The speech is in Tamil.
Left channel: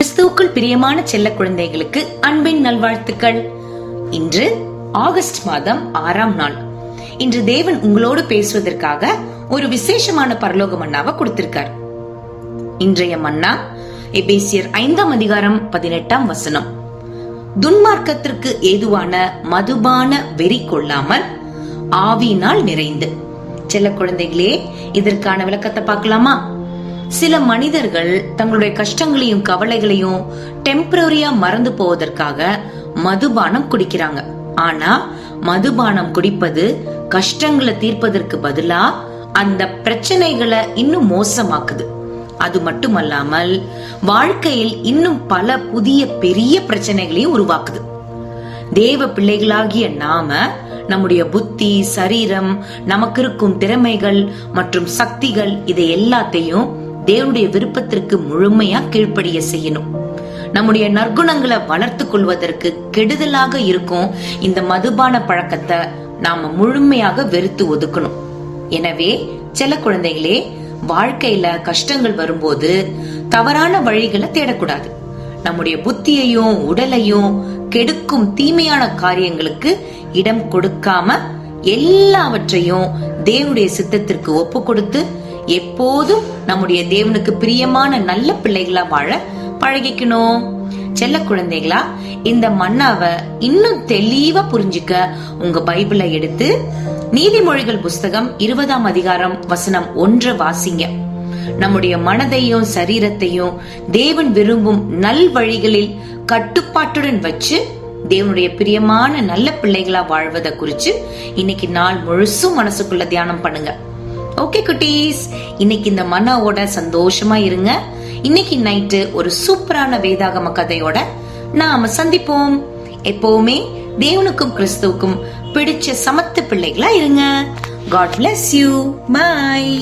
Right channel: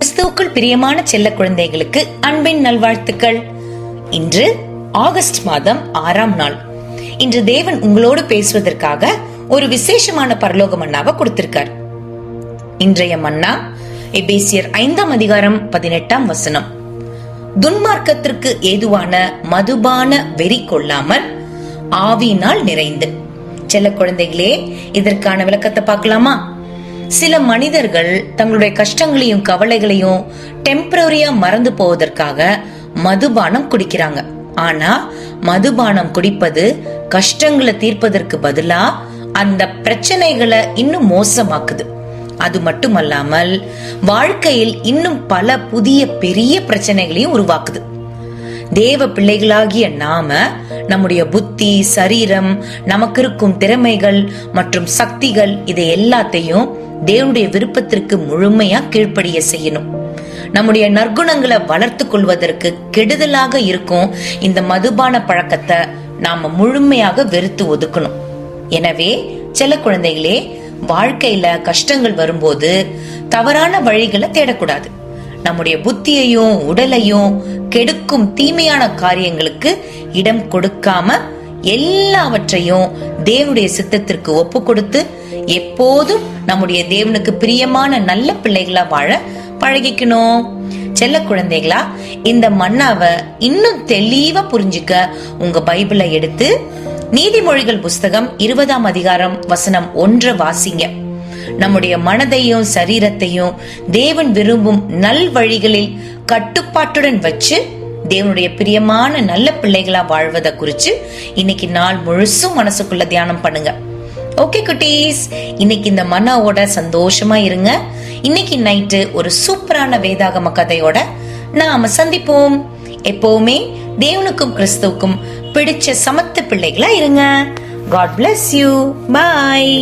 கிறிஸ்துவுக்குள் பிரியமான செல்ல குழந்தைகளுக்கு அன்பின் நல்வாழ்த்துக்கள். இன்று ஆகஸ்ட் மாதம் 6ஆம் நாள். இன்று தேவன் உங்களோடு பேசுவதற்காக ஒரு விசேஷமான பரலோக மன்னாவை கொடுத்திருக்கார். இன்றைய மன்னா எபேசியர் 5ஆம் அதிகாரம் 18ஆம் வசனம். துன்மார்க்கத்திற்கு ஏதுவான மதுபான வெறி கொள்ளாமல் ஆவியினால் நிறைந்து. செல்ல குழந்தைகளே, இதற்கான விளக்கத்தை பார்க்கலாமா? சில மனிதர்கள் தங்களுடைய கஷ்டங்களையும் கவலைகளையும் டெம்பரரியா மறந்து போவதற்காக மதுபானம் குடிக்கிறாங்க. ஆனா மதுபானம் குடிப்பது கஷ்டங்களை தீர்ப்பதற்கு பதிலா அந்த பிரச்சனைகளை இன்னும் மோசமாக்குது. அது மட்டுமல்லாமல் வாழ்க்கையில் இன்னும் பல புதிய பெரிய பிரச்சனைகளையும் உருவாக்குது. தேவ பிள்ளைகளாகிய நாம நம்முடைய புத்தி, சரீரம், நமக்கு இருக்கும் திறமைகள் மற்றும் சக்திகள் இதை எல்லாத்தையும் தேவனுடைய விருப்பத்திற்கு முழுமையா கீழ்ப்படிய செய்யணும். நம்முடைய நற்குணங்களை வளர்த்து கொள்வதற்கு கெடுதலாக இருக்கும் இந்த மதுபான பழக்கத்தை நாம முழுமையாக வெறுத்து ஒதுக்கணும். எனவே செல்ல குழந்தைகளே, வாழ்க்கையில கஷ்டங்கள் வரும்போது தவறான வழிகளை தேடக்கூடாது. நம்முடைய புத்தியையும் உடலையும் கெடுக்கும் தீமையான காரியங்களுக்கு இடம் கொடுக்காம எல்லாவற்றையும் தேவனுடைய சித்தத்திற்கு ஒப்பு கொடுத்து எப்போதும் நம்முடைய தேவனுக்கு பிரியமான நல்ல பிள்ளைகளா வாழ பழகிக்கணும். செல்ல குழந்தைகளா, இந்த மன்னாவை இன்னும் தெளிவா புரிஞ்சுக்க உங்க பைபிளை எடுத்து நீதிமொழிகள் புஸ்தகம் 20ஆம் அதிகாரம் வசனம் 1 வாசிங்க. நம்முடைய மனதையும் சரீரத்தையும் தேவன் விரும்பும் நல் வழிகளில் கட்டுப்பாட்டுடன் வச்சு தேவனுடைய பிரியமான நல்ல பிள்ளைகளா வாழ்வதை குறிச்சு இன்னைக்கு நாள் முழுசும் மனசுக்குள்ள தியானம் பண்ணுங்க. ஓகே குட்டீஸ், இன்னைக்கு இந்த மன்னாவோட சந்தோஷமா இருங்க. இன்னைக்கு நைட்டு ஒரு சூப்பரான வேதாகம கதையோட நாம சந்திப்போம். எப்பவுமே தேவனுக்கும் கிறிஸ்துவுக்கும் பிடிச்ச சமத்து பிள்ளைகளா இருங்க. God bless you. Bye.